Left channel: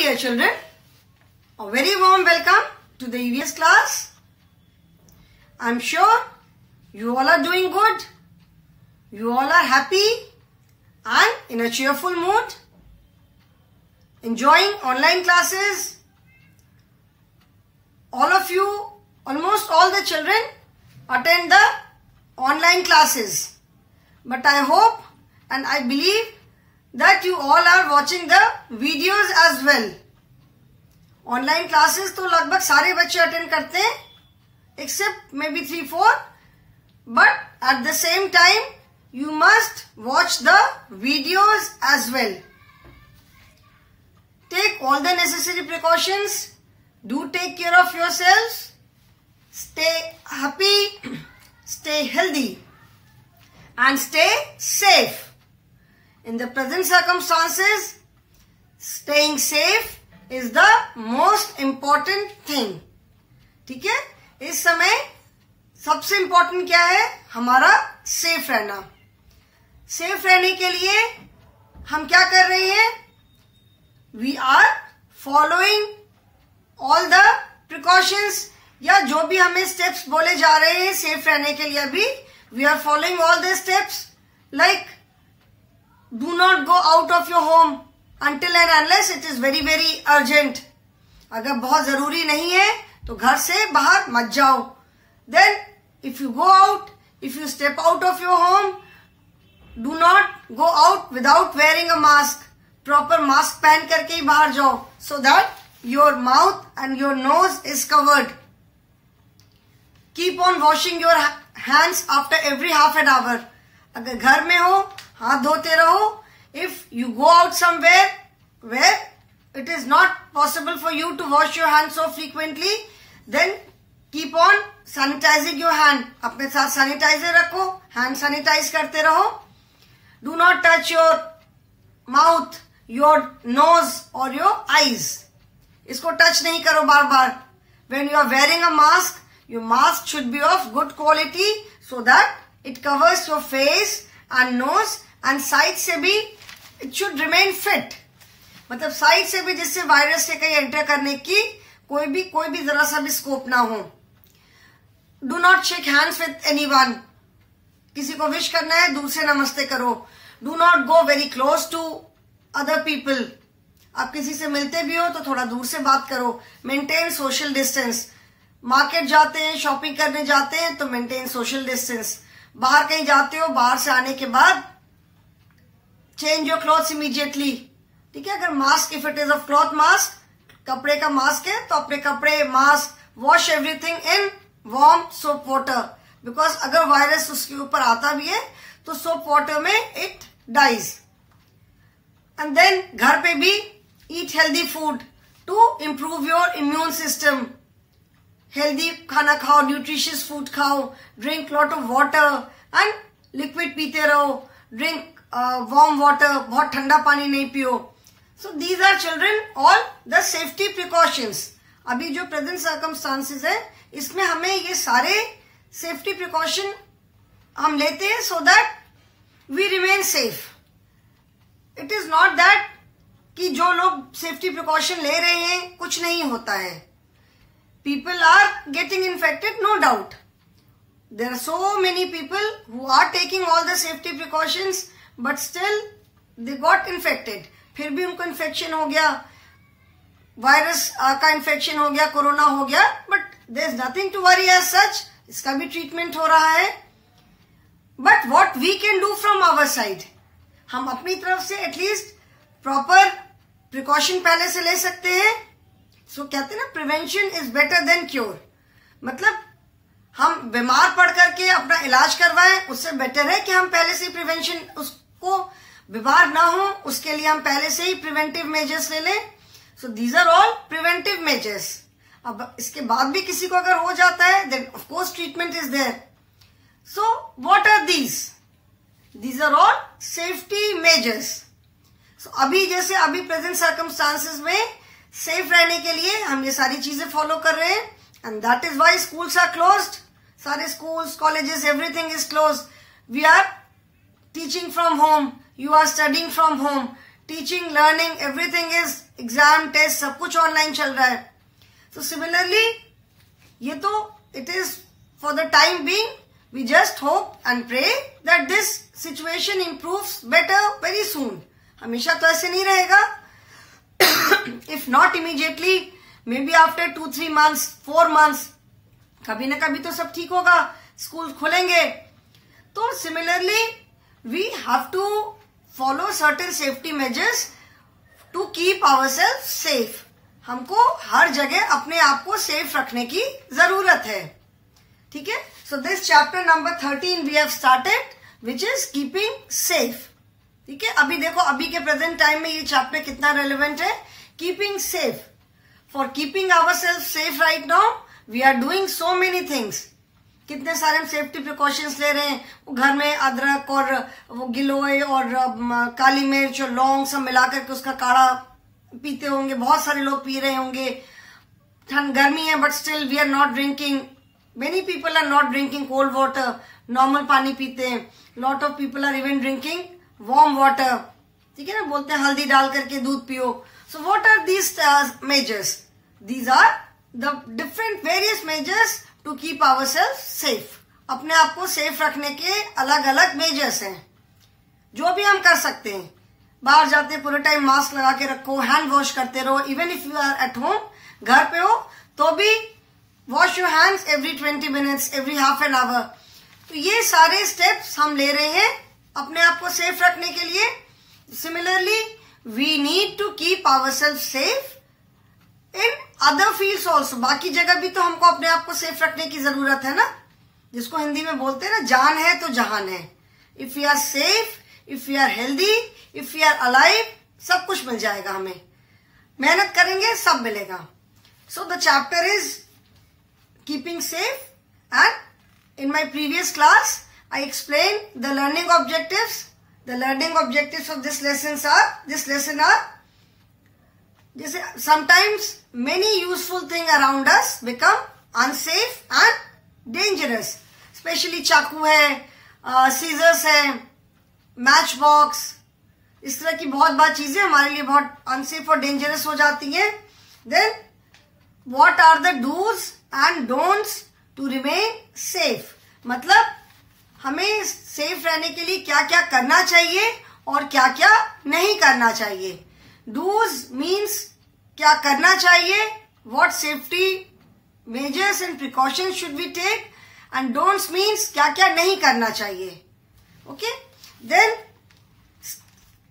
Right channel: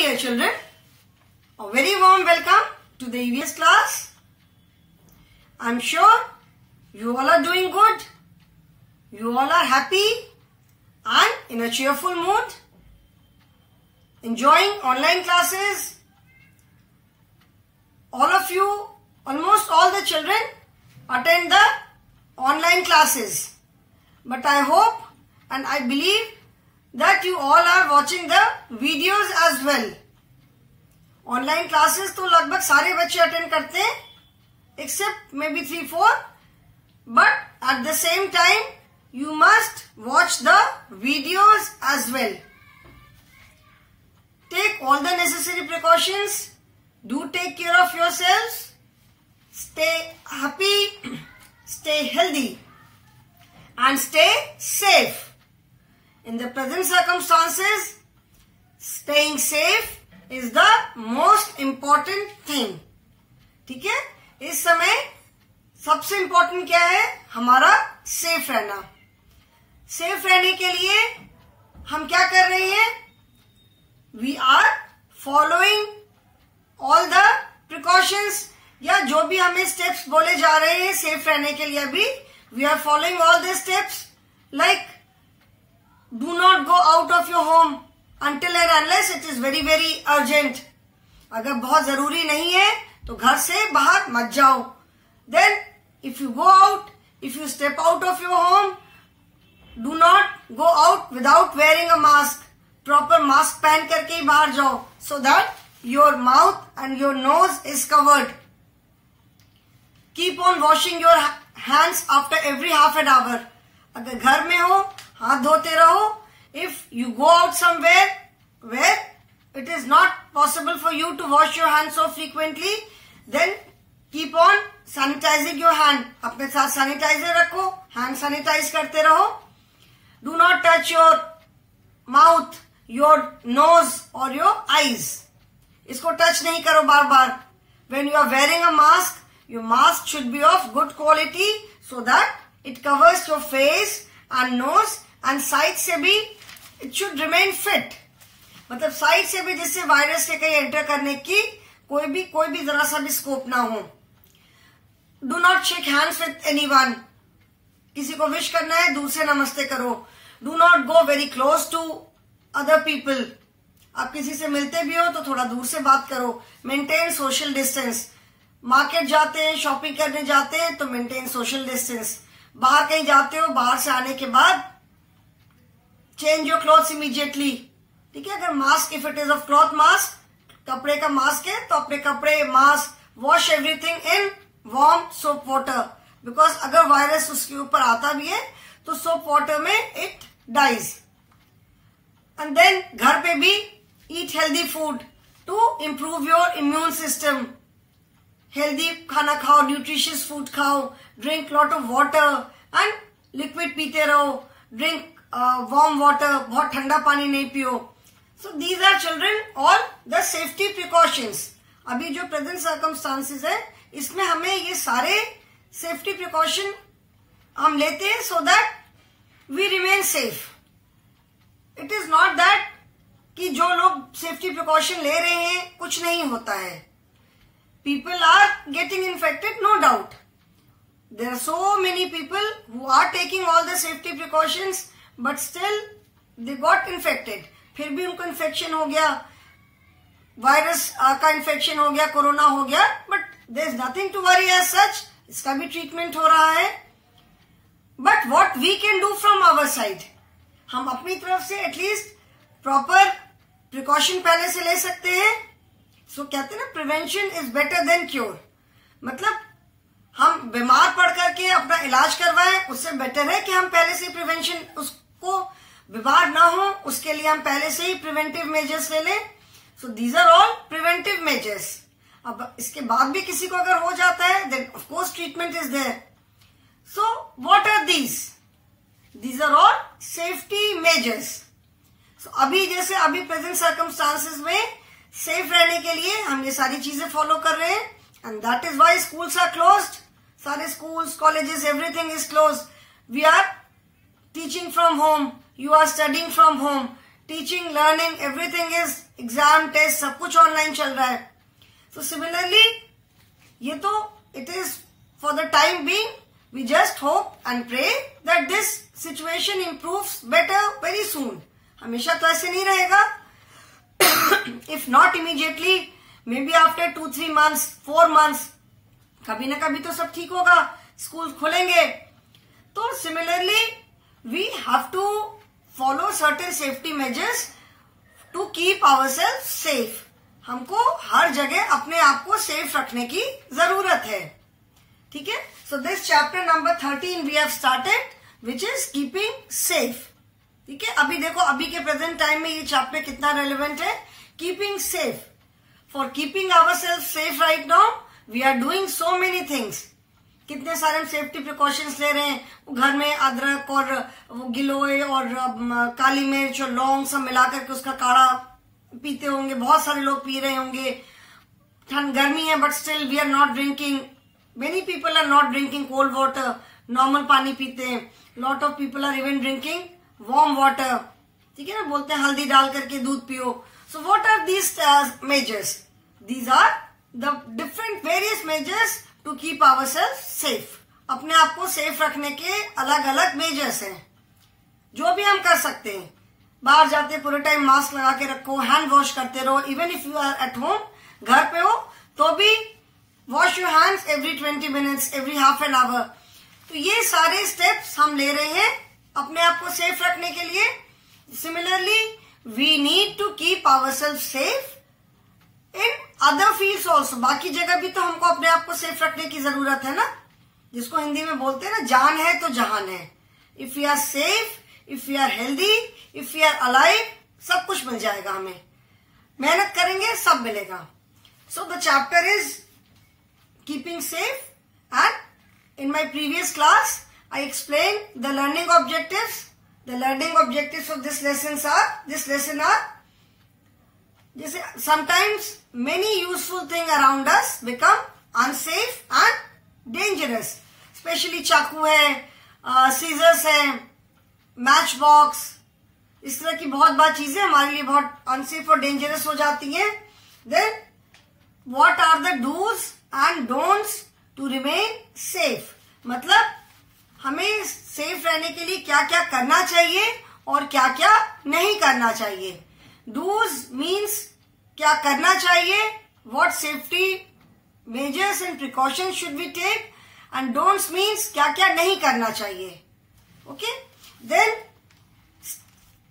dear children, a very warm welcome to the EVS class. I am sure you all are doing good. You all are happy and in a cheerful mood, enjoying online classes. All of you, almost all the children attend the online classes. But I hope and I believe that you all are watching the videos as well. Online classes तो लगभग सारे बच्चे attend करते हैं, except maybe 3-4. But at the same time, you must watch the videos as well. Take all the necessary precautions. Do take care of yourselves. Stay happy, stay healthy, and stay safe. In the present circumstances, staying safe is the most important thing. ठीक है? इस समय सबसे important क्या है? हमारा safe रहना. Safe रहने के लिए हम क्या कर रहे हैं? We are following all the precautions, या जो भी हमें steps बोले जा रहे हैं safe रहने के लिए अभी, we are following all the steps like do not go out of your home until and unless it is very very urgent. अगर बहुत जरूरी नहीं है तो घर से बाहर मत जाओ. Then if you go out, if you step out of your home, do not go out without wearing a mask. Proper mask पहन करके ही बाहर जाओ, so that your mouth and your nose is covered. Keep on washing your hands after every half an hour. अगर घर में हो हाथ धोते रहो. If you go out somewhere where it is not possible for you to wash your hands so frequently, then keep on sanitizing your hand. अपने साथ sanitizer रखो, hand sanitize करते रहो. Do not touch your mouth, your nose or your eyes. इसको touch नहीं करो बार बार. When you are wearing a mask, your mask should be of good quality so that it covers your face and nose and side से भी it should remain fit. मतलब side से भी जिससे virus के कहीं एंटर करने की कोई भी जरा सा भी स्कोप ना हो. Do not shake hands with anyone. किसी को विश करना है दूर से नमस्ते करो. Do not go very close to other people. आप किसी से मिलते भी हो तो थोड़ा दूर से बात करो. Maintain social distance. मार्केट जाते हैं, शॉपिंग करने जाते हैं तो मेंटेन सोशल डिस्टेंस. बाहर कहीं जाते हो, बाहर से आने के बाद चेंज योर क्लॉथ्स इमीडिएटली. ठीक है? अगर mask, if it is of cloth mask, कपड़े का मास्क है तो अपने कपड़े, mask, wash everything in warm soap water. Because अगर वायरस उसके ऊपर आता भी है तो सोप वाटर में इट डाइज. एंड देन घर पे भी eat healthy food to improve your immune system. Healthy खाना खाओ, न्यूट्रिशियस फूड खाओ, drink lot of water and liquid पीते रहो. ड्रिंक वार्म वाटर, बहुत ठंडा पानी नहीं पियो. So these are children all the safety precautions. अभी जो प्रेजेंट सर्कमस्टांसेस है इसमें हमें ये सारे सेफ्टी प्रिकॉशन हम लेते हैं so that we remain safe. It is not that कि जो लोग सेफ्टी प्रिकॉशन ले रहे हैं कुछ नहीं होता है. People are getting infected, no doubt. There are so many people who are taking all the safety precautions, but still they got infected. फिर भी उनको इन्फेक्शन हो गया, वायरस का इन्फेक्शन हो गया, कोरोना हो गया, but there is nothing to worry as such. इसका भी ट्रीटमेंट हो रहा है. But what we can do from our side, हम अपनी तरफ से एटलीस्ट प्रॉपर प्रिकॉशन पहले से ले सकते हैं. सो कहते हैं ना, prevention is better than cure. मतलब हम बीमार पड़ करके अपना इलाज करवाएं उससे बेटर है कि हम पहले से प्रिवेंशन, उसको बीमार ना हो उसके लिए हम पहले से ही प्रिवेंटिव मेजर्स ले लें. So these are all preventive measures. अब इसके बाद भी किसी को अगर हो जाता है then of course treatment is there. So what are these? These are all safety measures. So अभी जैसे अभी प्रेजेंट सर्कमस्टांसेस में सेफ रहने के लिए हम ये सारी चीजें फॉलो कर रहे हैं. And that is why schools are closed. सारे schools, colleges, everything is closed. We are teaching from home. You are studying from home. Teaching, learning, everything is exam, test, सब कुछ ऑनलाइन चल रहा है. So similarly, ये तो it is for the time being. We just hope and pray that this situation improves better very soon. हमेशा तो ऐसे नहीं रहेगा. If not immediately, maybe after 2-3 months, 4 months, कभी ना कभी तो सब ठीक होगा, स्कूल खुलेंगे. तो similarly, we have to follow certain safety measures to keep ourselves safe. हमको हर जगह अपने आप को सेफ रखने की जरूरत है. ठीक है. So this chapter number 13 we have started, which is keeping safe. ठीक है. अभी देखो, अभी के प्रेजेंट टाइम में ये चैप्टर कितना रेलिवेंट है. Keeping safe. For keeping ourselves safe right now we are doing so many things. कितने सारे हम सेफ्टी प्रिकॉशंस ले रहे हैं. घर में अदरक और वो गिलोय और काली मिर्च और लौंग सब मिलाकर के उसका काढ़ा पीते होंगे. बहुत सारे लोग पी रहे होंगे. ठंड गर्मी है but still we are not drinking. Many people are not drinking cold water, normal पानी पीते हैं. Lot of people are even drinking warm water. ठीक है ना, बोलते हैं हल्दी डाल करके दूध पियो. So what are these measures? These are the different various measures to keep ourselves safe. अपने आप को सेफ रखने के अलग अलग मेजर्स हैं जो भी हम कर सकते हैं. बाहर जाते पूरे टाइम मास्क लगा के रखो, हैंड वॉश करते रहो. Even if you are at home, घर पे हो तो भी wash your hands every 20 minutes, every half an hour. तो ये सारे स्टेप्स हम ले रहे हैं अपने आप को सेफ रखने के लिए. Similarly we need to keep ourselves safe in other fields also. बाकी जगह भी तो हमको अपने आप को सेफ रखने की जरूरत है ना, जिसको हिंदी में बोलते हैं ना, जान है तो जहान है. If you are safe, if you are healthy, if you are alive, सब कुछ मिल जाएगा हमें. मेहनत करेंगे सब मिलेगा. So the chapter is keeping safe. And in my previous class I explain the learning objectives. The learning objectives of this lesson are जैसे sometimes many useful things around us become unsafe and dangerous. Specially चाकू है, seizures है, match box, इस तरह की बहुत बार चीजें हमारे लिए बहुत अनसेफ और डेंजरस हो जाती हैं. Then what are the dos and don'ts to remain safe. मतलब हमें सेफ रहने के लिए क्या क्या करना चाहिए और क्या क्या नहीं करना चाहिए. डूज मीन्स क्या करना चाहिए, what safety measures and precautions should we take. And don'ts means क्या क्या नहीं करना चाहिए. Okay. Then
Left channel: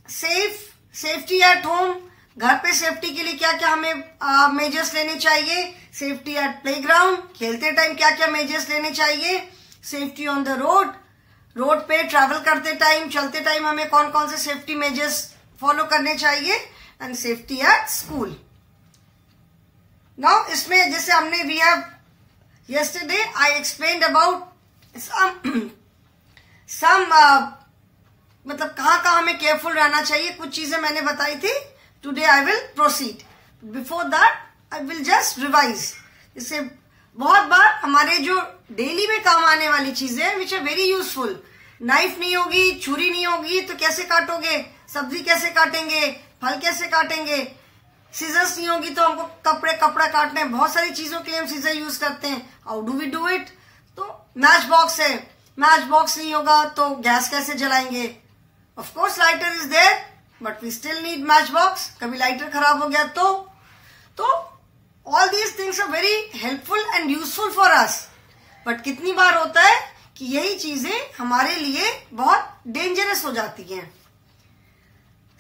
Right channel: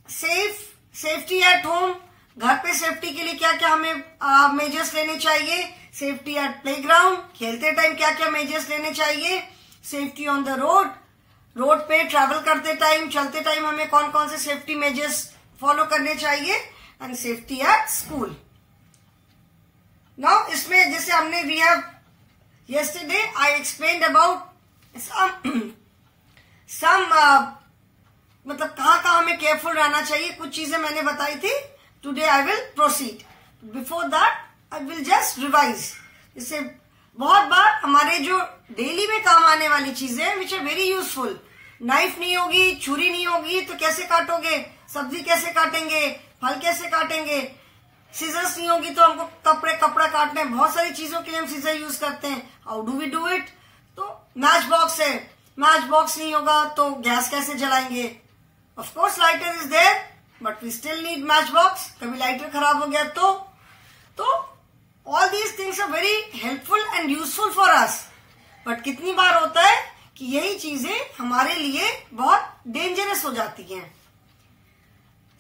safety at home. घर पे सेफ्टी के लिए क्या क्या हमें मेजर्स लेने चाहिए. सेफ्टी एट प्लेग्राउंड, खेलते टाइम क्या क्या मेजर्स लेने चाहिए. सेफ्टी ऑन द रोड पे ट्रैवल करते टाइम, चलते टाइम हमें कौन कौन से सेफ्टी मेजर्स फॉलो करने चाहिए. And safety at school. Now इसमें जैसे हमने we have yesterday I explained about some मतलब कहाँ हमें केयरफुल रहना चाहिए, कुछ चीजें मैंने बताई थी. Today I will proceed. Before that I will just revise. इससे बहुत बार हमारे जो डेली में काम आने वाली चीजें हैं which are very useful. Knife नहीं होगी, छुरी नहीं होगी तो कैसे काटोगे, सब्जी कैसे काटेंगे, फल कैसे काटेंगे. सीजर्स नहीं होगी तो हमको कपड़ा काटने, बहुत सारी चीजों के लिए हम सीजर यूज करते हैं. How do we do it. तो मैच बॉक्स है, मैच बॉक्स नहीं होगा तो गैस कैसे जलाएंगे. Of course lighter is there but we still need match box. कभी लाइटर खराब हो गया तो all these things are very helpful and useful for us. But कितनी बार होता है कि यही चीजें हमारे लिए बहुत डेंजरस हो जाती हैं.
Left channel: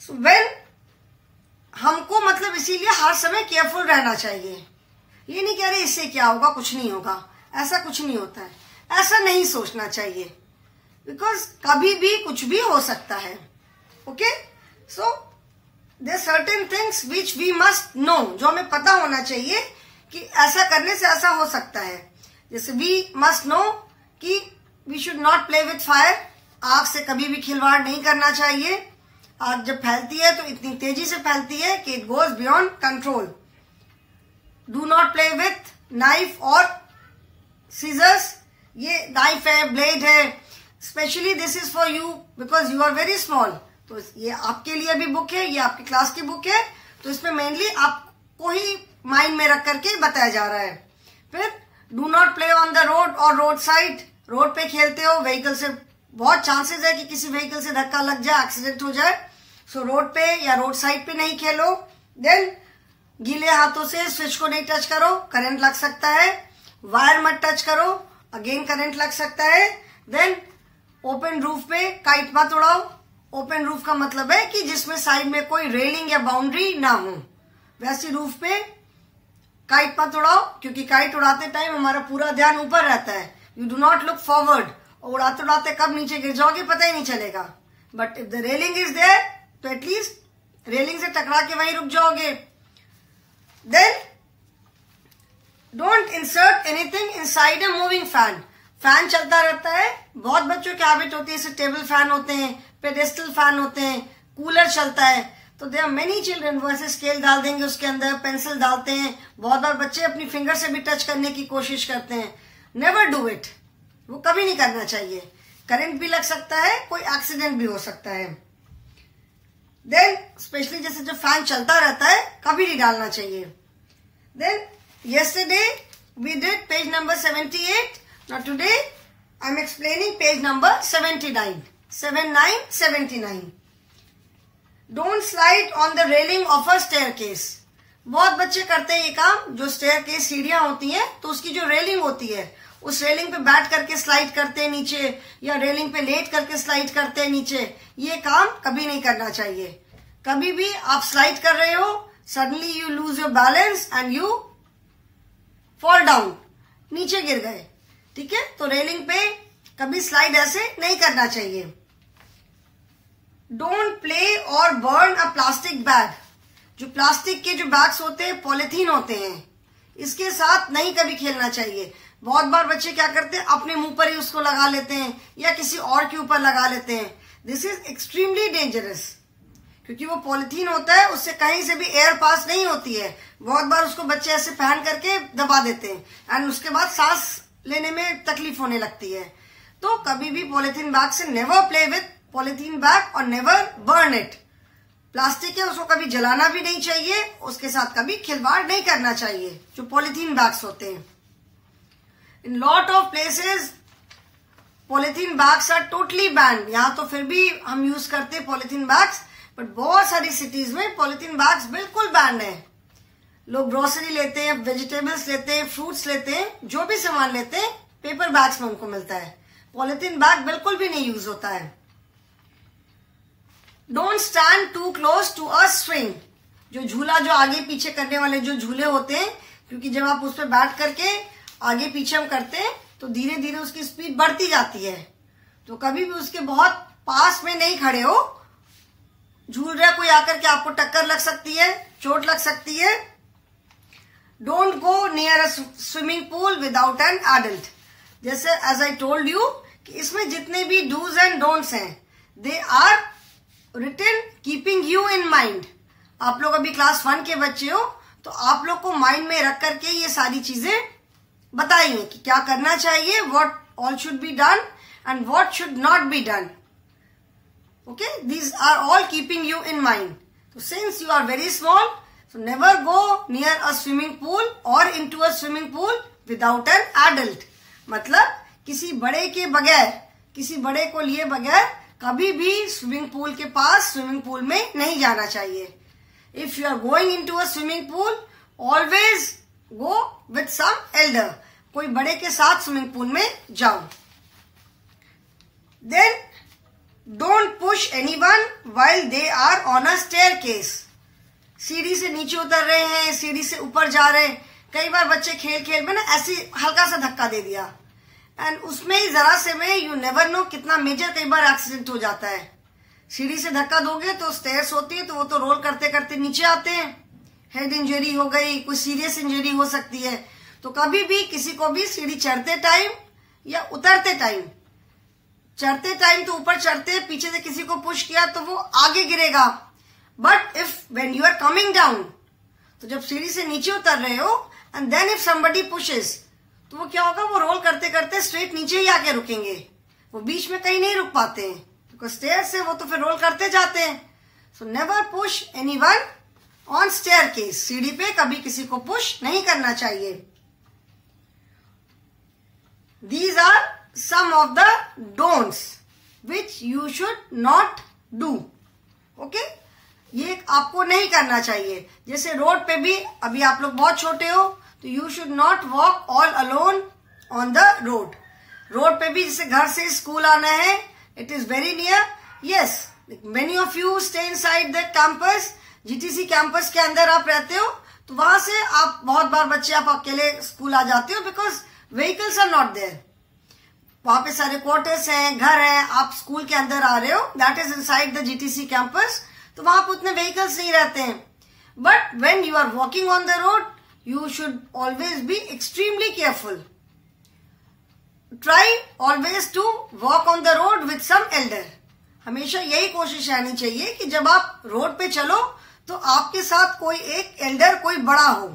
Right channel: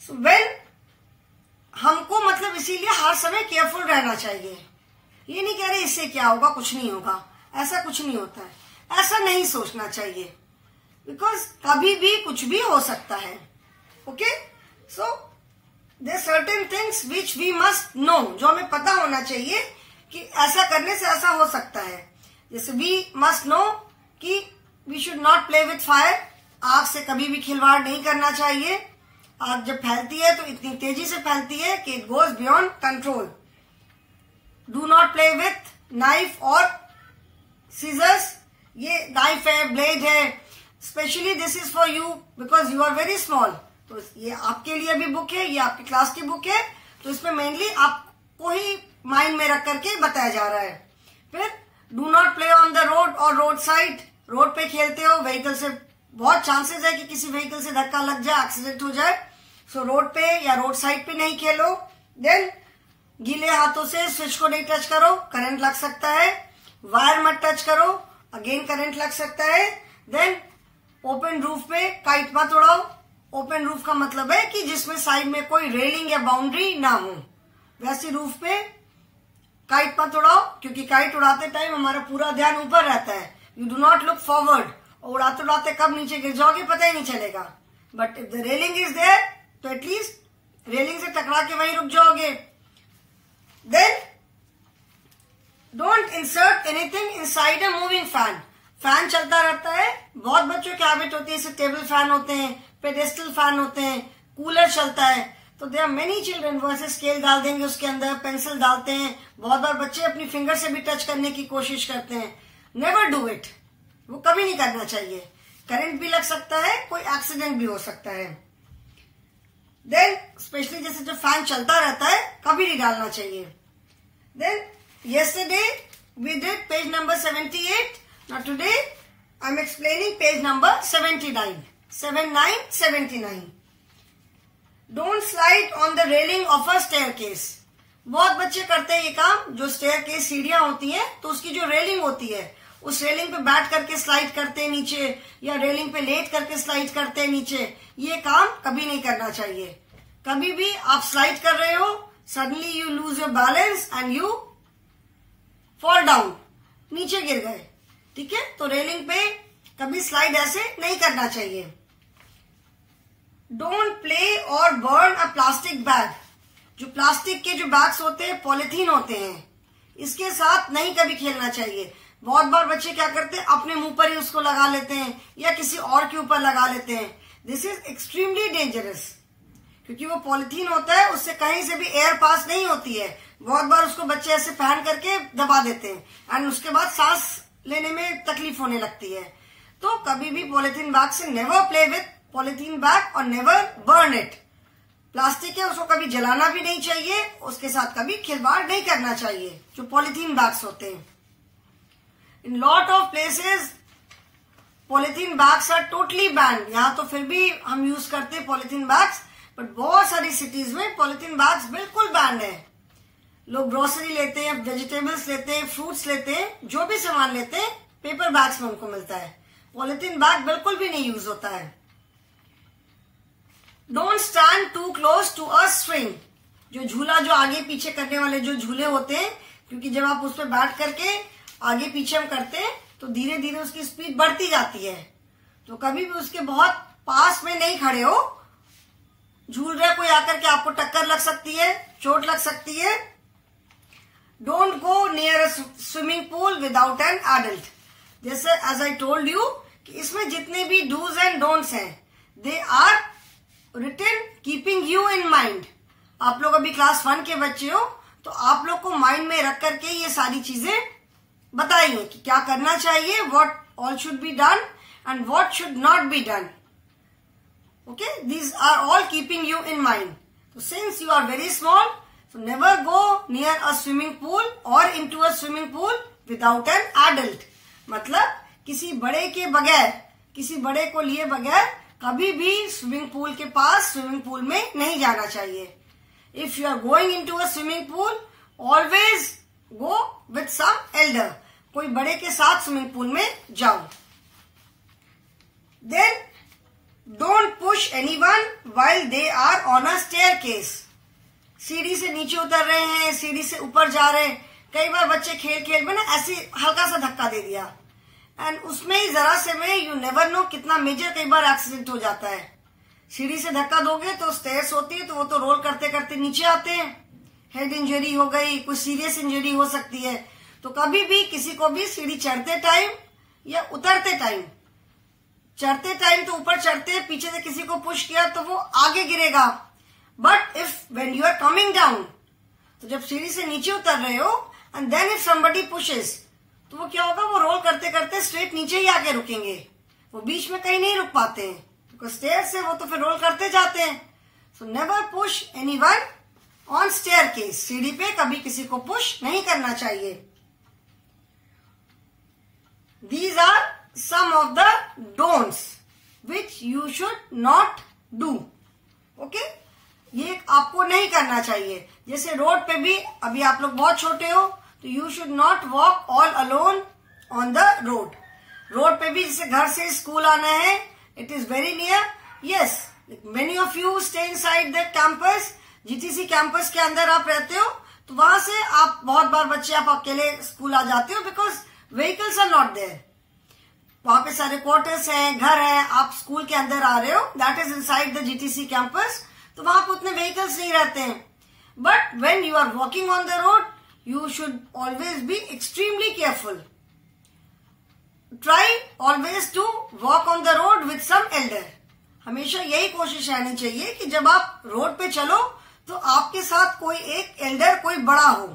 सो व्हेन हमको मतलब इसीलिए हर समय केयरफुल रहना चाहिए. ये नहीं कह रहे इससे क्या होगा, कुछ नहीं होगा, ऐसा कुछ नहीं होता है. ऐसा नहीं सोचना चाहिए बिकॉज कभी भी कुछ भी हो सकता है. Okay. So there certain things which we must know, जो हमें पता होना चाहिए कि ऐसा करने से ऐसा हो सकता है. जैसे वी मस्ट नो कि we should not play with fire. आग से कभी भी खिलवाड़ नहीं करना चाहिए. आग जब फैलती है तो इतनी तेजी से फैलती है कि it goes beyond control. Do not play with knife और सीजर्स. ये नाइफ है, ब्लेड है, specially this is for you because you are very small. तो ये आपके लिए भी बुक है, ये आपकी क्लास की बुक है, तो इसमें मेनली आपको ही माइंड में रख करके बताया जा रहा है। फिर do not play on the road और रोड साइड। रोड पे खेलते हो, व्हीकल से बहुत चांसेस है कि किसी व्हीकल से धक्का लग जाए, एक्सीडेंट हो जाए, सो रोड पे या रोड साइड पे नहीं खेलो। देन गीले हाथों से स्विच को नहीं टच करो, करंट लग सकता है। वायर मत टच करो, अगेन करंट लग सकता है। देन ओपन रूफ पे काइट मत उड़ाओ। ओपन रूफ का मतलब है कि जिसमें साइड में कोई रेलिंग या बाउंड्री ना हो, वैसी रूफ पे काइट मत उड़ाओ, क्योंकि काइट उड़ाते टाइम हमारा पूरा ध्यान ऊपर रहता है। You do not look forward, और उड़ाते उड़ाते कब नीचे गिर जाओगे पता ही नहीं चलेगा। But if the railing is there तो एटलीस्ट रेलिंग से टकरा के वहीं रुक जाओगे। Then don't insert anything inside a moving fan. Fan चलता रहता है, बहुत बच्चों की हैबिट होती है, जैसे टेबल फैन होते हैं, पेडेस्टल फैन होते हैं, कूलर चलता है, तो देयर आर मेनी चिल्ड्रन वो ऐसे स्केल डाल देंगे उसके अंदर, पेंसिल डालते हैं। बहुत बार बच्चे अपनी फिंगर से भी टच करने की कोशिश करते हैं। नेवर डू इट, वो कभी नहीं करना चाहिए। करंट भी लग सकता है, कोई एक्सीडेंट भी हो सकता है। देन स्पेशली जैसे जो फैन चलता रहता है, कभी नहीं डालना चाहिए। Then yesterday we did page number 78. Now today I am explaining page number 79. 79. Don't slide on the railing of a staircase. बहुत बच्चे करते हैं ये काम, जो स्टेयरकेस सीढ़ियां होती हैं तो उसकी जो रेलिंग होती है उस रेलिंग पे बैठ करके स्लाइड करते हैं नीचे, या रेलिंग पे लेट करके स्लाइड करते हैं नीचे। ये काम कभी नहीं करना चाहिए। कभी भी आप स्लाइड कर रहे हो, suddenly you lose your balance and you fall down, नीचे गिर गए, ठीक है, तो रेलिंग पे कभी स्लाइड ऐसे नहीं करना चाहिए। डोंट प्ले और बर्न अ प्लास्टिक बैग। जो प्लास्टिक के जो बैग्स होते हैं, पॉलिथीन होते हैं, इसके साथ नहीं कभी खेलना चाहिए। बहुत बार बच्चे क्या करते हैं, अपने मुंह पर ही उसको लगा लेते हैं या किसी और के ऊपर लगा लेते हैं। दिस इज एक्सट्रीमली डेंजरस, क्योंकि वो पॉलिथीन होता है, उससे कहीं से भी एयर पास नहीं होती है। बहुत बार उसको बच्चे ऐसे पहन करके दबा देते हैं एंड उसके बाद सांस लेने में तकलीफ होने लगती है। तो कभी भी पॉलिथीन बैग से never play with polythene bag और नेवर बर्न इट। प्लास्टिक है, उसको कभी जलाना भी नहीं चाहिए, उसके साथ कभी खिलवाड़ नहीं करना चाहिए, जो पॉलिथीन बैग्स होते हैं। In lot of places polythene bags are totally banned. यहाँ तो फिर भी हम यूज करते हैं पॉलिथीन बैग्स, बट बहुत सारी सिटीज में पॉलिथीन बैग्स बिल्कुल बैंड है। लोग ग्रोसरी लेते हैं, वेजिटेबल्स लेते हैं, फ्रूट्स लेते हैं, जो भी सामान लेते हैं पेपर बैग्स में उनको मिलता है। पॉलिथीन बैग बिल्कुल भी नहीं यूज होता है। Don't stand too close to a swing. जो झूला, जो आगे पीछे करने वाले जो झूले होते हैं, क्योंकि जब आप उस पर बैठ करके आगे पीछे हम करते हैं तो धीरे धीरे उसकी स्पीड बढ़ती जाती है, तो कभी भी उसके बहुत पास में नहीं खड़े हो। झूल रहा कोई आकर के आपको टक्कर लग सकती है, चोट लग सकती है। Don't go near a swimming pool without an adult. जैसे एज आई टोल्ड यू कि इसमें जितने भी डूज एंड डोंट्स हैं, they are written keeping you in mind. आप लोग अभी क्लास 1 के बच्चे हो, तो आप लोग को माइंड में रख करके ये सारी चीजें बताइए कि क्या करना चाहिए, what all should be done and what should not be done. Okay, these are all keeping you in mind. So since you are very small, so never go near a swimming pool or into a swimming pool without an adult. मतलब किसी बड़े के बगैर, किसी बड़े को लिए बगैर कभी भी स्विमिंग पूल के पास, स्विमिंग पूल में नहीं जाना चाहिए। If you are going into a swimming pool, always go with some elder. कोई बड़े के साथ स्विमिंग पूल में जाओ। Then Don't push anyone while they are on a staircase. सीढ़ी से नीचे उतर रहे हैं, सीढ़ी से ऊपर जा रहे हैं। कई बार बच्चे खेल खेल में ना ऐसे हल्का सा धक्का दे दिया, एंड उसमें ही जरा से में यू नेवर नो कितना मेजर कई बार एक्सीडेंट हो जाता है। सीढ़ी से धक्का दोगे तो स्टेयर्स होती है, तो वो तो रोल करते करते नीचे आते हैं, हेड इंजरी हो गई, कोई सीरियस इंजरी हो सकती है। तो कभी भी किसी को भी सीढ़ी चढ़ते टाइम या उतरते टाइम, चढ़ते टाइम तो ऊपर चढ़ते, पीछे से किसी को पुश किया तो वो आगे गिरेगा। But if when you are coming down, तो जब सीढ़ी से नीचे उतर रहे हो and then if somebody pushes, तो वो क्या होगा, वो रोल करते करते स्ट्रेट नीचे ही आके रुकेंगे, वो बीच में कहीं नहीं रुक पाते हैं। बिकॉज स्टेयर से वो तो फिर रोल करते जाते हैं. So never push anyone on staircase. सीढ़ी पे कभी किसी को पुश नहीं करना चाहिए. These are some of the don'ts which you should not do. Okay? ये आपको नहीं करना चाहिए. जैसे रोड पे भी, अभी आप लोग बहुत छोटे हो, तो you should not walk all alone on the road. Road पे भी जैसे घर से स्कूल आना है, it is very near. Yes, many of you stay inside the campus. GTC campus के अंदर आप रहते हो, तो वहां से आप बहुत बार बच्चे आप अकेले स्कूल आ जाते हो because vehicles are not there. वहां पे सारे क्वार्टर्स हैं, घर है, आप स्कूल के अंदर आ रहे हो, that is inside the GTC campus, तो वहां पे उतने व्हीकल्स नहीं रहते हैं. But when you are walking on the road, you should always be extremely careful. Try always to walk on the road with some elder. हमेशा यही कोशिश रहनी चाहिए कि जब आप रोड पे चलो तो आपके साथ कोई एक एल्डर, कोई बड़ा हो.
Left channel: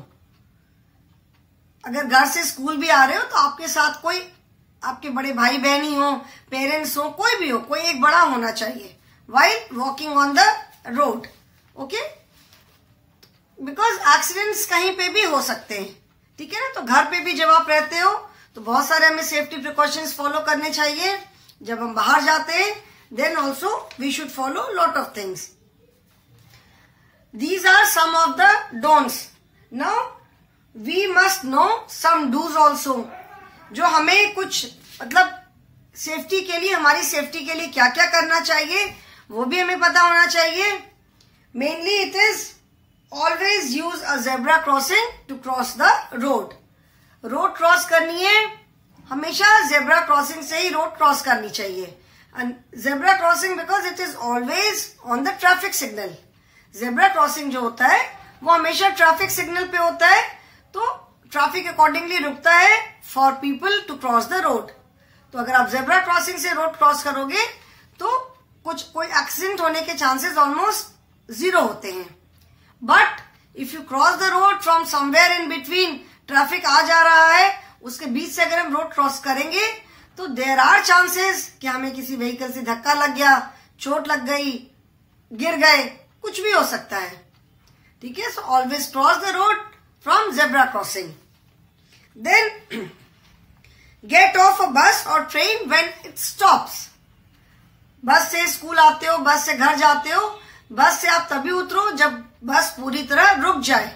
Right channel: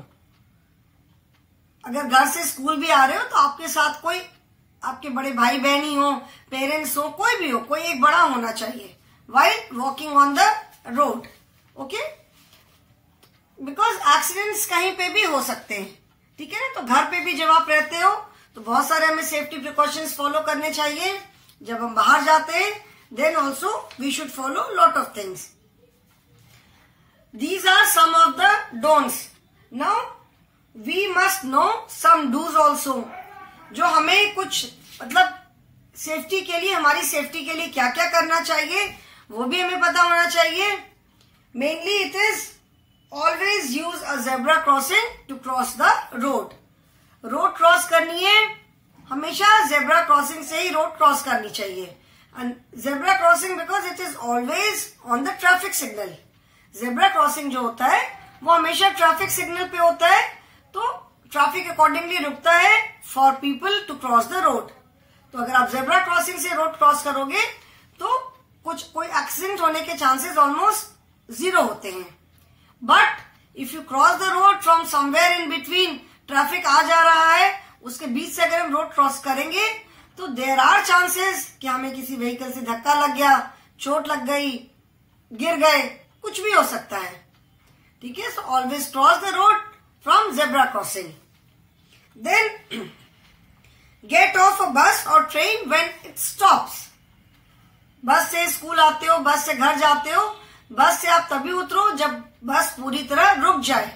अगर घर से स्कूल भी आ रहे हो तो आपके साथ कोई आपके बड़े भाई बहनी हो, पेरेंट्स हो, कोई भी हो, कोई एक बड़ा होना चाहिए while walking on the road. Okay, because accidents कहीं पे भी हो सकते हैं. ठीक है ना. तो घर पे भी जब आप रहते हो तो बहुत सारे हमें सेफ्टी प्रिकॉशंस फॉलो करने चाहिए. जब हम बाहर जाते हैं then also we should follow lot of things. These are some of the don'ts. Now we must know some do's also. जो हमें कुछ मतलब सेफ्टी के लिए, हमारी सेफ्टी के लिए क्या क्या करना चाहिए वो भी हमें पता होना चाहिए. Mainly it is always use a zebra crossing to cross the road. Road cross करनी है, हमेशा जेब्रा क्रॉसिंग से ही रोड क्रॉस करनी चाहिए. And zebra crossing because it is always on the traffic signal. Zebra crossing जो होता है वो हमेशा ट्रैफिक सिग्नल पे होता है, तो ट्रैफिक अकॉर्डिंगली रुकता है for people to cross the road. तो अगर आप जेब्रा क्रॉसिंग से रोड क्रॉस करोगे तो कोई एक्सीडेंट होने के चांसेस ऑलमोस्ट 0 होते हैं. But if you cross the road from somewhere in between, traffic आ जा रहा है, उसके बीच से अगर हम रोड क्रॉस करेंगे तो देयर आर चांसेस कि हमें किसी व्हीकल से धक्का लग गया, चोट लग गई, गिर गए, कुछ भी हो सकता है. ठीक है. So always cross the road from zebra crossing. Then get off a bus और ट्रेन व्हेन इट स्टॉप्स. बस से स्कूल आते हो, बस से घर जाते हो, बस से आप तभी उतरो जब बस पूरी तरह रुक जाए.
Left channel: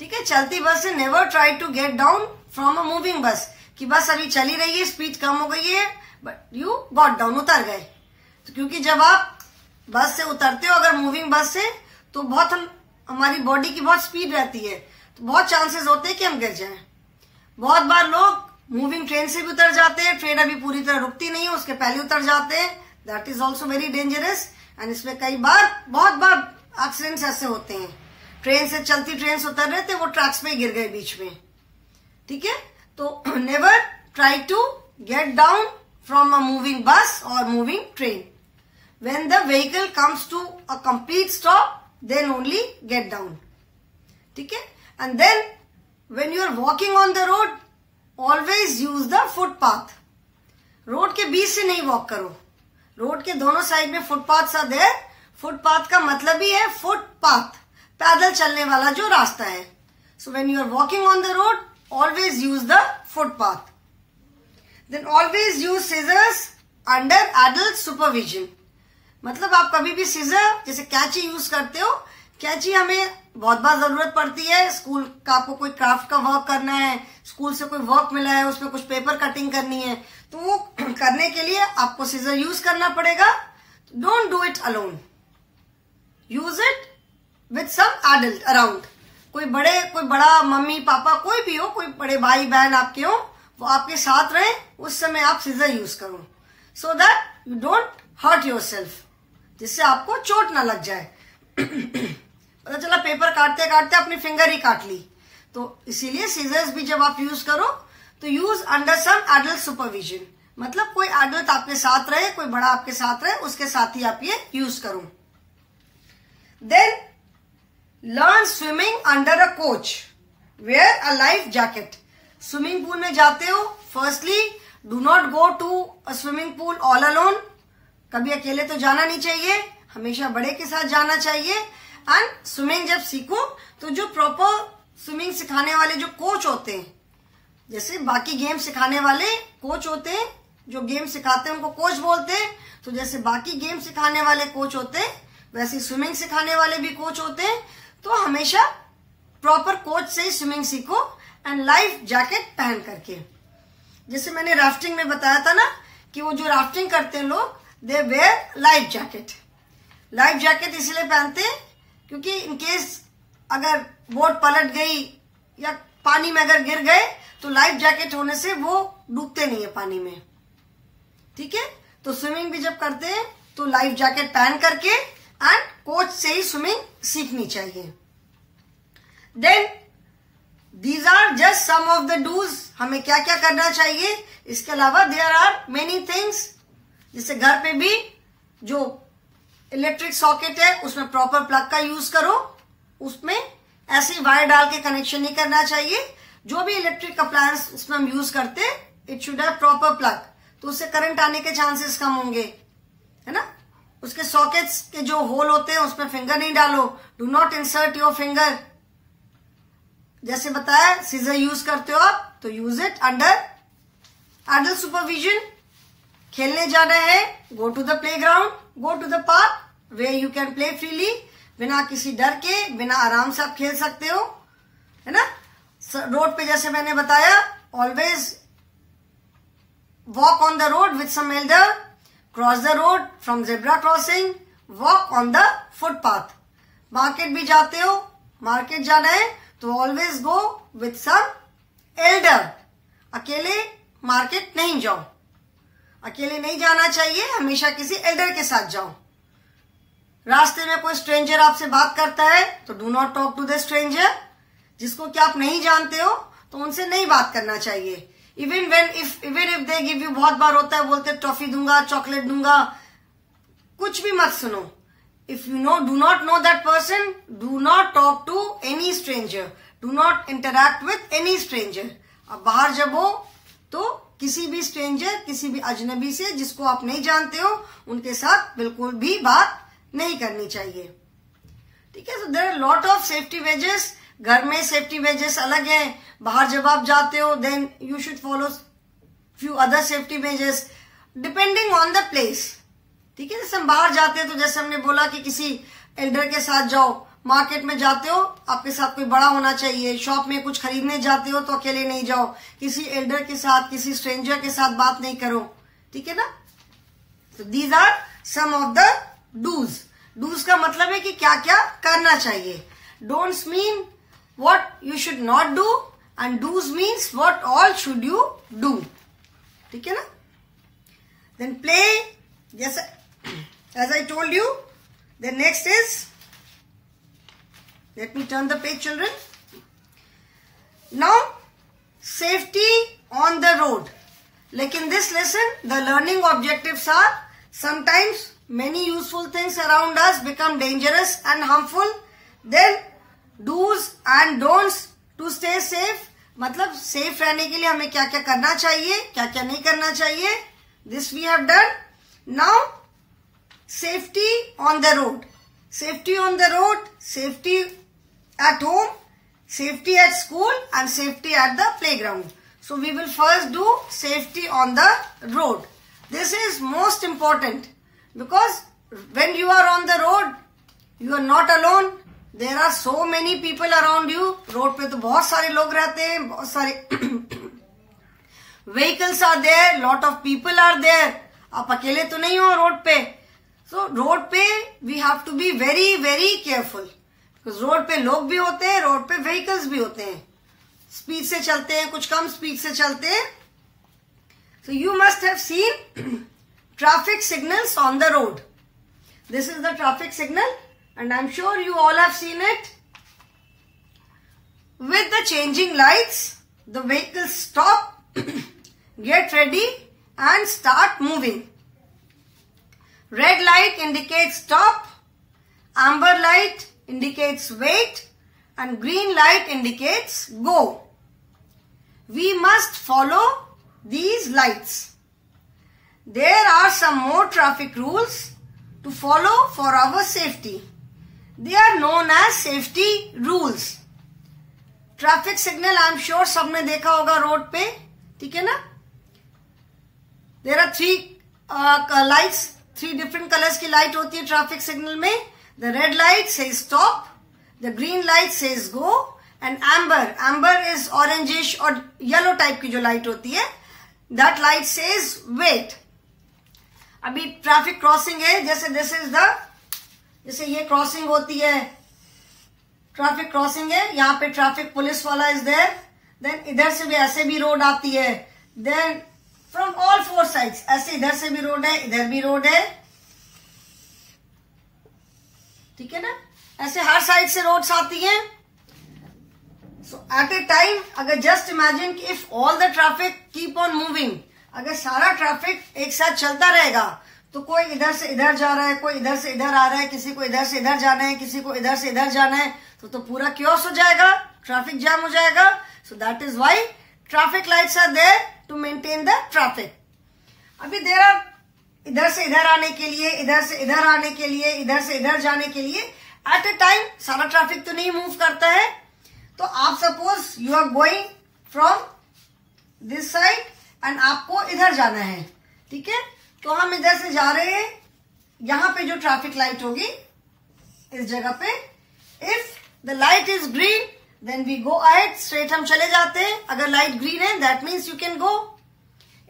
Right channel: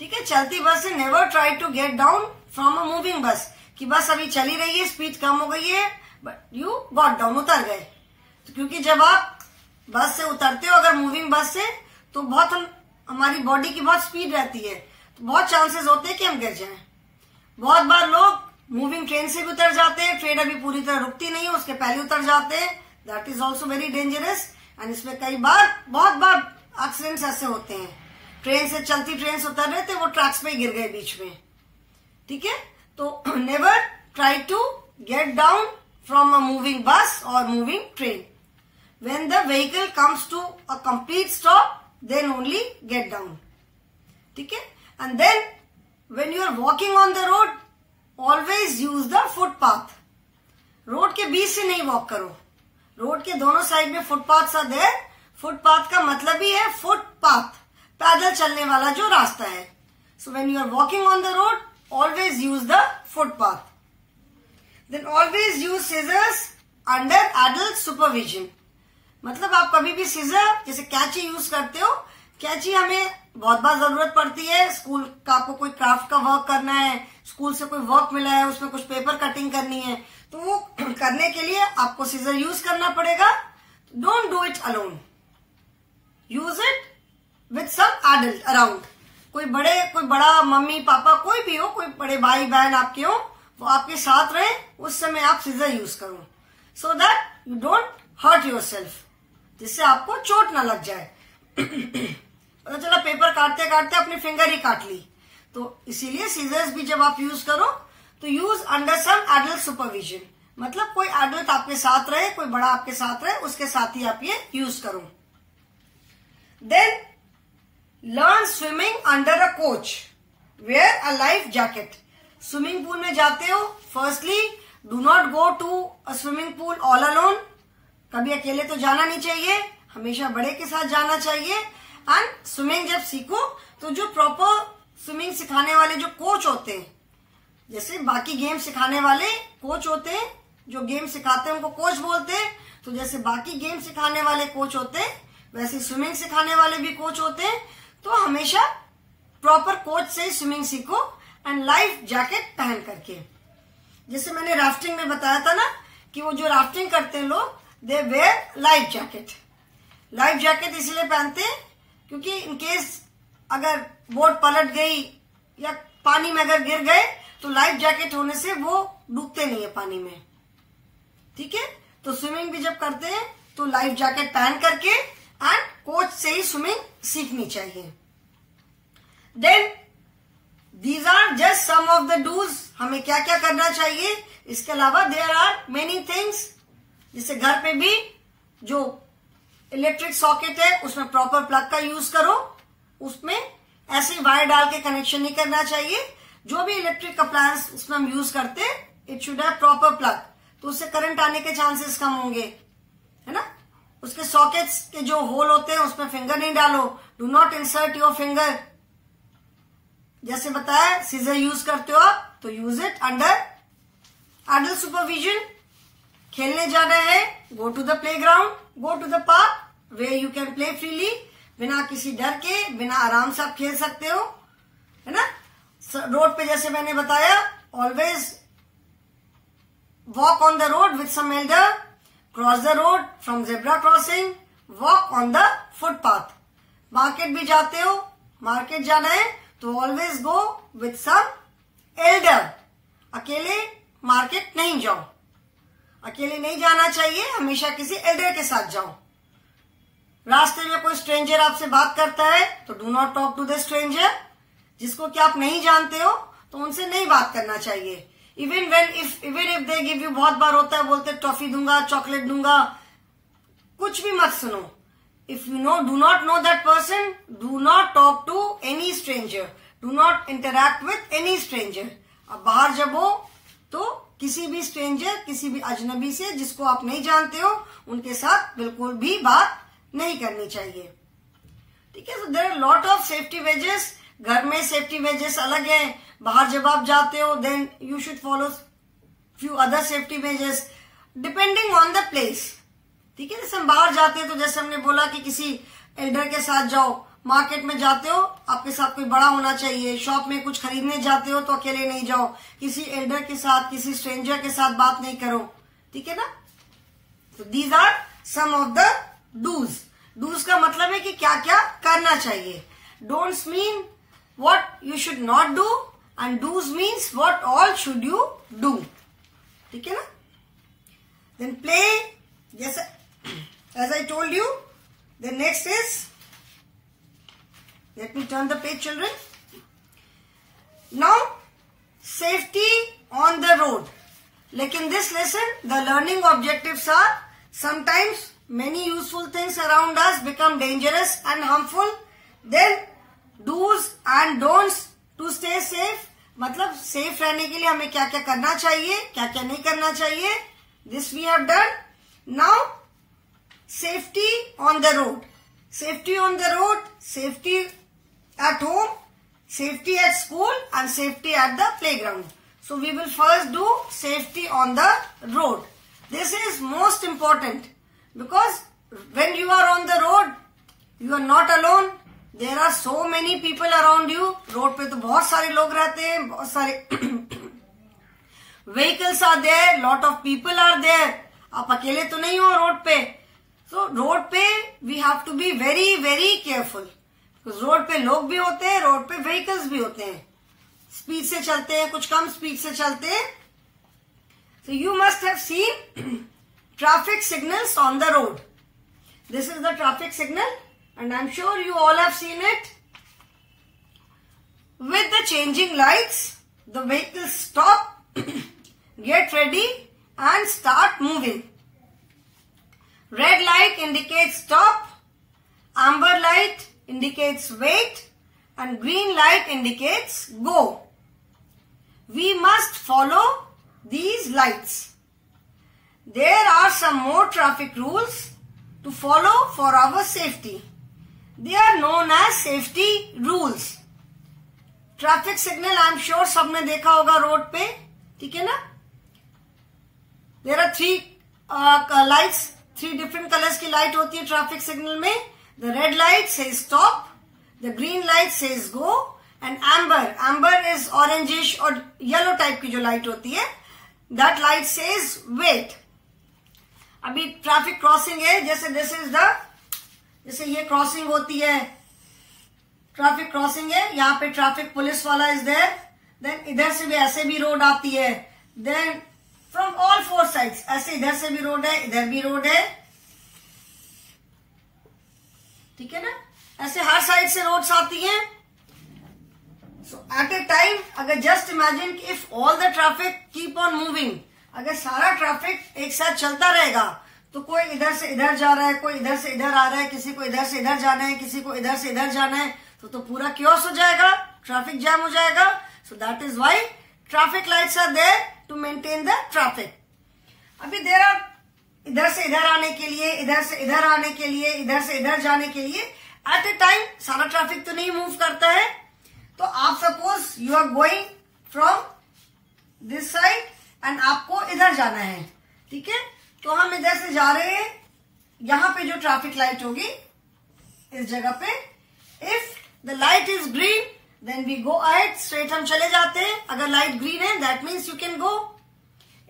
ठीक है. चलती बस से never try to get down from a moving bus, कि बस अभी चली रही है, स्पीड कम हो गई है, बट यू गॉट डाउन, उतर गए. तो क्योंकि जब आप बस से उतरते हो अगर मूविंग बस से, तो बहुत हमारी बॉडी की बहुत स्पीड रहती है, तो बहुत चांसेस होते हैं कि हम गिर जाएं. बहुत बार लोग मूविंग ट्रेन से भी उतर जाते हैं, ट्रेन अभी पूरी तरह रुकती नहीं है, उसके पहले उतर जाते हैं. That is also very dangerous. And इसमें कई बार, बहुत बार एक्सीडेंट्स ऐसे होते हैं. ट्रेन से, चलती ट्रेन से उतर रहे थे, वो ट्रैक्स पे गिर गए बीच में. ठीक है. तो never try to get down from a moving bus और moving train. When the vehicle comes to a complete stop, then only get down. ठीक है. And then when you are walking on the road, always use the footpath. Road के बीच से नहीं walk करो. Road के दोनों side में footpath are there. Footpath का मतलब ही है फुटपाथ, पैदल चलने वाला जो रास्ता है. So when you are walking on the road, always use the footpath. Then always use scissors under adult supervision. मतलब आप कभी भी सीजर, जैसे कैंची यूज करते हो, कैंची हमें बहुत बार जरूरत पड़ती है. स्कूल का आपको कोई क्राफ्ट का वर्क करना है, स्कूल से कोई वर्क मिला है, उसमें कुछ पेपर कटिंग करनी है, तो वो करने के लिए आपको सीजर यूज करना पड़ेगा. Don't do it alone, use it with some adult around. कोई बड़ा मम्मी पापा कोई भी हो, कोई बड़े भाई बहन आपके हो, वो आपके साथ रहे, उस समय आप सीजर यूज करो, so that you don't hurt yourself, जिससे आपको चोट ना लग जाए. पता चला पेपर काटते काटते अपनी फिंगर ही काट ली. तो इसीलिए सीजर्स भी जब आप यूज करो तो use under some adult supervision. मतलब कोई एडल्ट आपके साथ रहे, कोई बड़ा आपके साथ रहे, उसके साथ ही आप ये यूज करो. Then learn swimming under a coach, wear a life jacket. Swimming pool में जाते हो, firstly do not go to a swimming pool all alone. कभी अकेले तो जाना नहीं चाहिए, हमेशा बड़े के साथ जाना चाहिए। एंड स्विमिंग जब सीखो तो जो प्रॉपर स्विमिंग सिखाने वाले जो कोच होते हैं, जैसे बाकी गेम सिखाने वाले कोच होते हैं, जो गेम सिखाते हैं उनको कोच बोलते हैं, तो जैसे बाकी गेम सिखाने वाले कोच होते हैं वैसे स्विमिंग सिखाने वाले भी कोच होते हैं। तो हमेशा प्रॉपर कोच से ही स्विमिंग सीखो एंड लाइफ जैकेट पहन करके। जैसे मैंने राफ्टिंग में बताया था ना कि वो जो राफ्टिंग करते हैं लोग, they wear life jacket. Life jacket इसलिए पहनते हैं क्योंकि इनकेस अगर बोट पलट गई या पानी में अगर गिर गए तो लाइफ जैकेट होने से वो डूबते नहीं है पानी में। ठीक है, तो स्विमिंग भी जब करते हैं तो लाइफ जैकेट पहन करके एंड कोच से ही स्विमिंग सीखनी चाहिए। Then these are just some of the dos, हमें क्या क्या करना चाहिए। इसके अलावा देयर आर मेनी थिंग्स, जैसे घर पे भी जो इलेक्ट्रिक सॉकेट है उसमें प्रॉपर प्लग का यूज करो, उसमें ऐसी वायर डाल के कनेक्शन नहीं करना चाहिए। जो भी इलेक्ट्रिक अप्लायंस उसमें हम यूज करते हैं it should have proper plug, तो उससे करंट आने के चांसेस कम होंगे, है ना। उसके सॉकेट्स के जो होल होते हैं उसमें फिंगर नहीं डालो, do not insert your finger. जैसे बताया सीजर यूज करते हो आप तो use it under adult supervision. खेलने जाना है, go to the playground, go to the park where you can play freely, बिना किसी डर के, बिना आराम से आप खेल सकते हो, है ना। रोड पे जैसे मैंने बताया always walk on the road with some elder, cross the road from zebra crossing, walk on the footpath. Market भी जाते हो, मार्केट जाना है तो always go with some elder. अकेले मार्केट नहीं जाओ, अकेले नहीं जाना चाहिए, हमेशा किसी एल्डर के साथ जाओ। रास्ते में कोई स्ट्रेंजर आपसे बात करता है तो do not talk to the stranger. जिसको कि आप नहीं जानते हो तो उनसे नहीं बात करना चाहिए। Even if they give you, बहुत बार होता है बोलते टॉफी दूंगा, चॉकलेट दूंगा, कुछ भी मत सुनो। If you know do not know that person, do not talk to any stranger, do not interact with any stranger. अब बाहर जब हो तो किसी भी स्ट्रेंजर, किसी भी अजनबी से जिसको आप नहीं जानते हो उनके साथ बिल्कुल भी बात नहीं करनी चाहिए। ठीक है, so there are lot of safety ways. घर में सेफ्टी वेजेस अलग है, बाहर जब आप जाते हो then you should follow few other safety measures depending on the place. ठीक है, जैसे हम बाहर जाते हैं तो जैसे हमने बोला कि किसी एल्डर के साथ जाओ, मार्केट में जाते हो आपके साथ कोई बड़ा होना चाहिए, शॉप में कुछ खरीदने जाते हो तो अकेले नहीं जाओ, किसी एल्डर के साथ, किसी स्ट्रेंजर के साथ बात नहीं करो। ठीक है ना। तो these are some of the dos. Dos का मतलब है कि क्या क्या करना चाहिए। Don'ts mean what you should not do and do's means what all should you do। ठीक है ना। then play, yes, as I told you, the next is, let me turn the page children, now safety on the road। like in this lesson the learning objectives are sometimes many useful things around us become dangerous and harmful, then dos and don'ts to stay safe, मतलब safe रहने के लिए हमें क्या क्या करना चाहिए, क्या क्या नहीं करना चाहिए। This we have done. Now safety on the road. Safety on the road, safety at home, safety at school and safety at the playground. So we will first do safety on the road. This is most important because when you are on the road you are not alone, there are so many people around you. Road पे तो बहुत सारे लोग रहते हैं, बहुत सारे vehicles are there, lot of people are there. आप अकेले तो नहीं हो रोड पे। सो रोड पे we have to be very very careful because road पे लोग भी होते हैं, रोड पे व्हीकल्स भी होते हैं, स्पीड से चलते हैं, कुछ कम स्पीड से चलते हैं। So you must have seen traffic signals on the road. This is the traffic signal and I'm sure you all have seen it. With the changing lights, the vehicles stop, get ready and start moving. Red light indicates stop, amber light indicates wait, and green light indicates go. We must follow these lights. there are some more traffic rules to follow for our safety. They are known as safety rules. Traffic signal I am sure सबने देखा होगा road पे, ठीक है ना. There are 3 lights, 3 different colours की light होती है ट्रैफिक सिग्नल में. The red light says stop, the green light says go, and amber is orangish और येलो टाइप की जो लाइट होती है, दैट लाइट सेज वेट. अभी ट्रैफिक क्रॉसिंग है, जैसे दिस इज द, जैसे ये क्रॉसिंग होती है, ट्रैफिक क्रॉसिंग है, यहाँ पे ट्रैफिक पुलिस वाला इज देयर. देन इधर से भी ऐसे भी रोड आती है. देन फ्रॉम ऑल 4 साइड्स, ऐसे इधर से भी रोड है, इधर भी रोड है, ठीक है ना. ऐसे हर साइड से रोड्स आती हैं. सो एट ए टाइम, अगर जस्ट इमेजिन कि if all the traffic keep on moving, अगर सारा ट्रैफिक एक साथ चलता रहेगा, तो कोई इधर से इधर जा रहा है, कोई इधर से इधर आ रहा है, किसी को इधर से इधर जाना है, किसी को इधर से इधर जाना है, तो पूरा क्योस हो जाएगा, ट्रैफिक जैम हो जाएगा. So that is why traffic lights are there to maintain the traffic. अभी देयर आर इधर से इधर आने के लिए, इधर से इधर आने के लिए, इधर से इधर जाने के लिए. एट ए टाइम सारा ट्रैफिक तो नहीं मूव करता है. तो आप suppose you are going from this side and आपको इधर जाना है, ठीक है. तो हम इधर से जा रहे हैं, यहां पे जो ट्रैफिक लाइट होगी इस जगह पे, if the light is green then we go ahead, straight हम चले जाते हैं. अगर लाइट ग्रीन है that means you can go.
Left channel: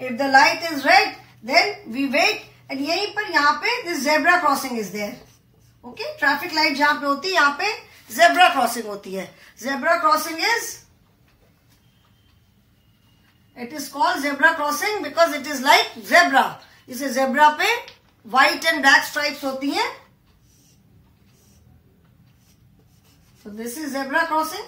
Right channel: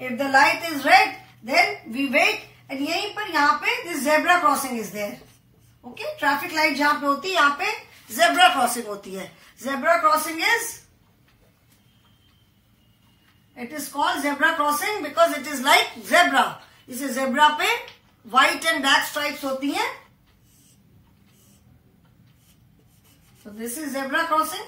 If the light is red then we wait. And यहीं पर यहाँ पे this zebra crossing is there. Okay, traffic light जहां पे होती है यहाँ पे जेब्रा क्रॉसिंग होती है. Zebra crossing is, it is called zebra crossing because it is like zebra. इसे जेब्रा पे व्हाइट एंड ब्लैक स्ट्राइप्स होती हैं. So this is zebra crossing.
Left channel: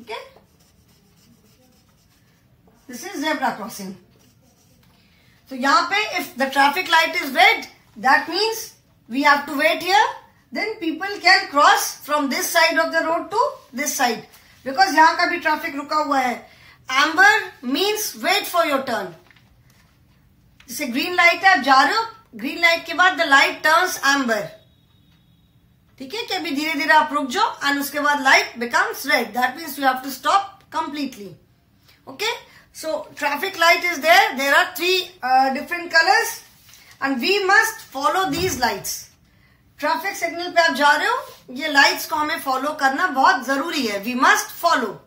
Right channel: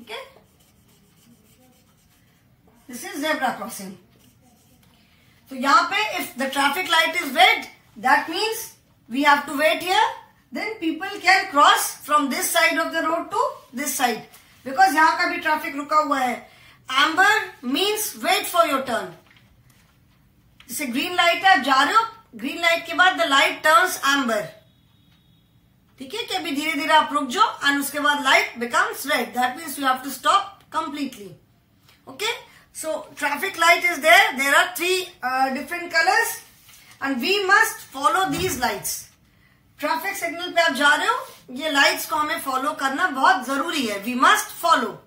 Okay. This is zebra crossing. So यहाँ पे if the traffic light is red, that means we have to wait here. Then people can cross from this side of the road to this side. Because यहाँ का भी traffic रुका हुआ है. Amber means wait for your turn. जैसे green light है, आप जा रहे हो, ग्रीन लाइट के बाद द लाइट टर्न्स एम्बर, ठीक है, कि अभी धीरे धीरे आप रुक जाओ एंड उसके बाद light becomes red. That means you have to stop completely. Okay, so traffic light is there. There are 3 different colours and we must follow these lights. Traffic signal पे आप जा रहे हो, ये लाइट्स को हमें फॉलो करना बहुत जरूरी है. We must follow.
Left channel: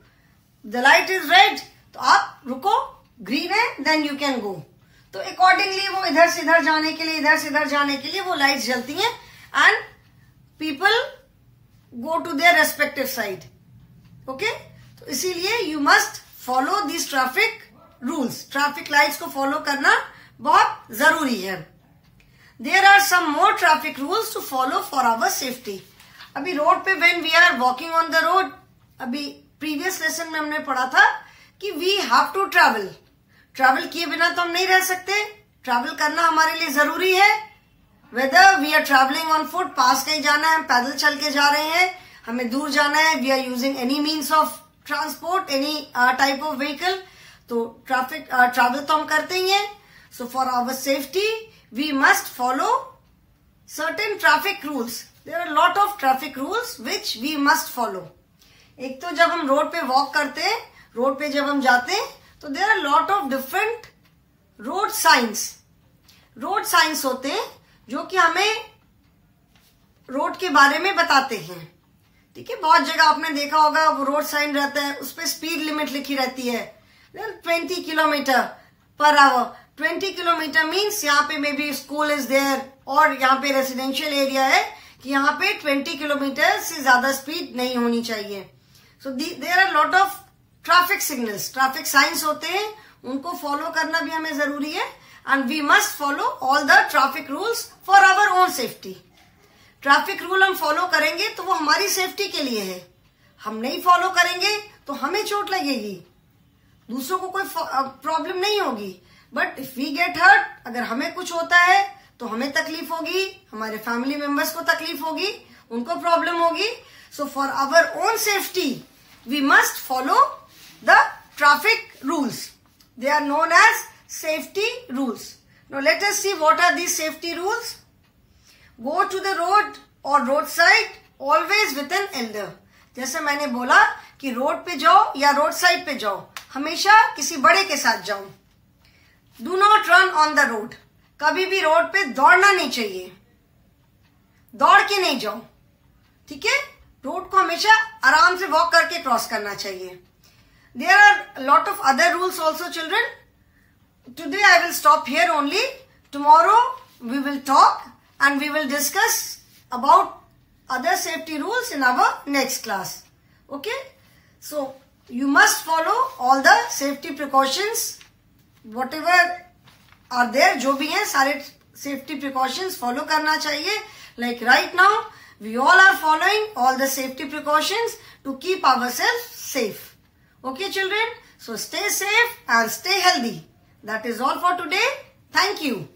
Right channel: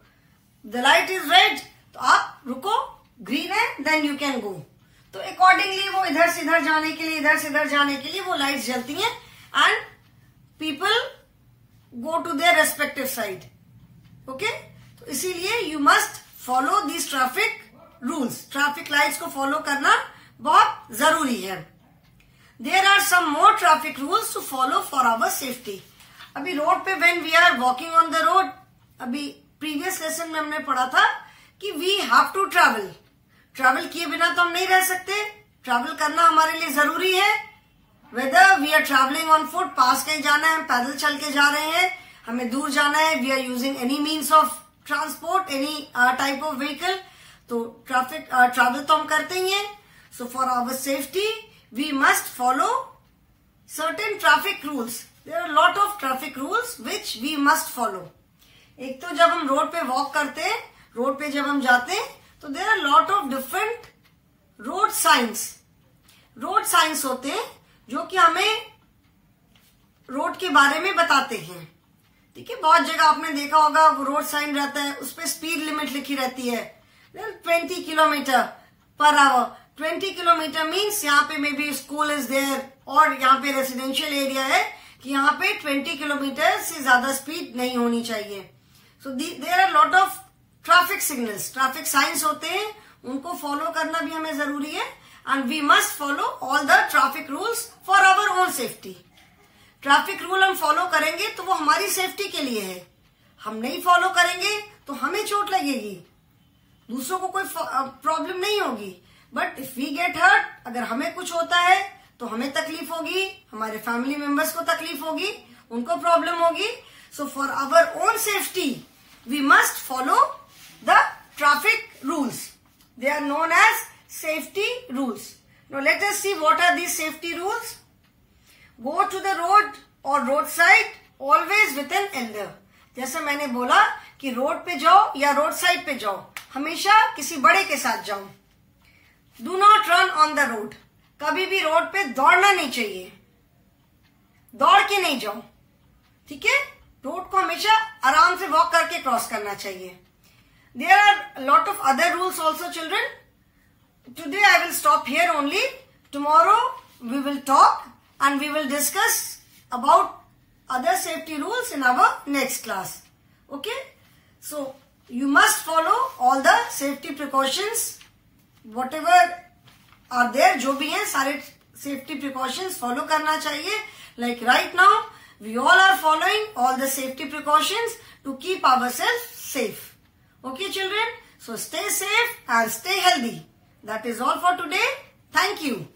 The light is red, तो आप रुको. ग्रीन है देन यू कैन गो. तो अकॉर्डिंगली वो इधर से इधर जाने के लिए, इधर से इधर जाने के लिए वो लाइट्स जलती हैं and people go to their respective side. Okay, तो इसीलिए you must follow this traffic rules. Traffic lights को फॉलो करना बहुत जरूरी है. There are some more traffic rules to follow for our safety. अभी रोड पे when we are walking on the road, अभी प्रीवियस लेसन में हमने पढ़ा था कि we have to travel. Travel किए बिना तो हम नहीं रह सकते. ट्रैवल करना हमारे लिए जरूरी है. Whether we are travelling on foot, पास कहीं जाना है, हम पैदल चल के जा रहे हैं, हमें दूर जाना है, we are using any means of transport, any type of vehicle, तो ट्रैवल तो हम करते ही हैं. So for our safety we must follow certain traffic rules. There are lot of traffic rules which we must follow. एक तो जब हम रोड पे वॉक करते हैं, रोड पे जब हम जाते हैं, तो there are lot of different road signs. Road signs होते हैं जो कि हमें रोड के बारे में बताते हैं. ठीक है, बहुत जगह आपने देखा होगा वो रोड साइन रहता है, उस पर स्पीड लिमिट लिखी रहती है 20 kilometre per hour. 20 kilometre means यहाँ पे maybe school is there और यहाँ पे रेसिडेंशियल एरिया है कि यहाँ पे 20 किलोमीटर से ज्यादा स्पीड नहीं होनी चाहिए. So there are lot of traffic signals, traffic signs होते हैं, उनको फॉलो करना भी हमें जरूरी है. And we must follow all the traffic rules for our own safety. Traffic rule हम फॉलो करेंगे तो वो हमारी सेफ्टी के लिए है. हम नहीं फॉलो करेंगे तो हमें चोट लगेगी, दूसरों को कोई प्रॉब्लम नहीं होगी. But if we get hurt, अगर हमें कुछ होता है तो हमें तकलीफ होगी, हमारे फैमिली मेंबर्स को तकलीफ होगी, उनको प्रॉब्लम होगी. So for our own safety we must follow the traffic rules. They are known as safety rules. Now let us see what are these safety rules. Go to the road or roadside always with an elder. जैसे मैंने बोला कि road पे जाओ या road side पे जाओ, हमेशा किसी बड़े के साथ जाओ. Do not run on the road. कभी भी रोड पे दौड़ना नहीं चाहिए, दौड़ के नहीं जाओ. ठीक है, रोड को हमेशा आराम से वॉक करके क्रॉस करना चाहिए. There are a lot of other rules also, children. Today I will stop here only. Tomorrow we will talk and we will discuss about other safety rules in our next class. Okay? So you must follow all the safety precautions. Whatever are there, जो भी हैं सारे safety precautions follow करना चाहिए. Like right now, we all are following all the safety precautions to keep ourselves safe. Okay, children? So stay safe and stay healthy. That is all for today. Thank you.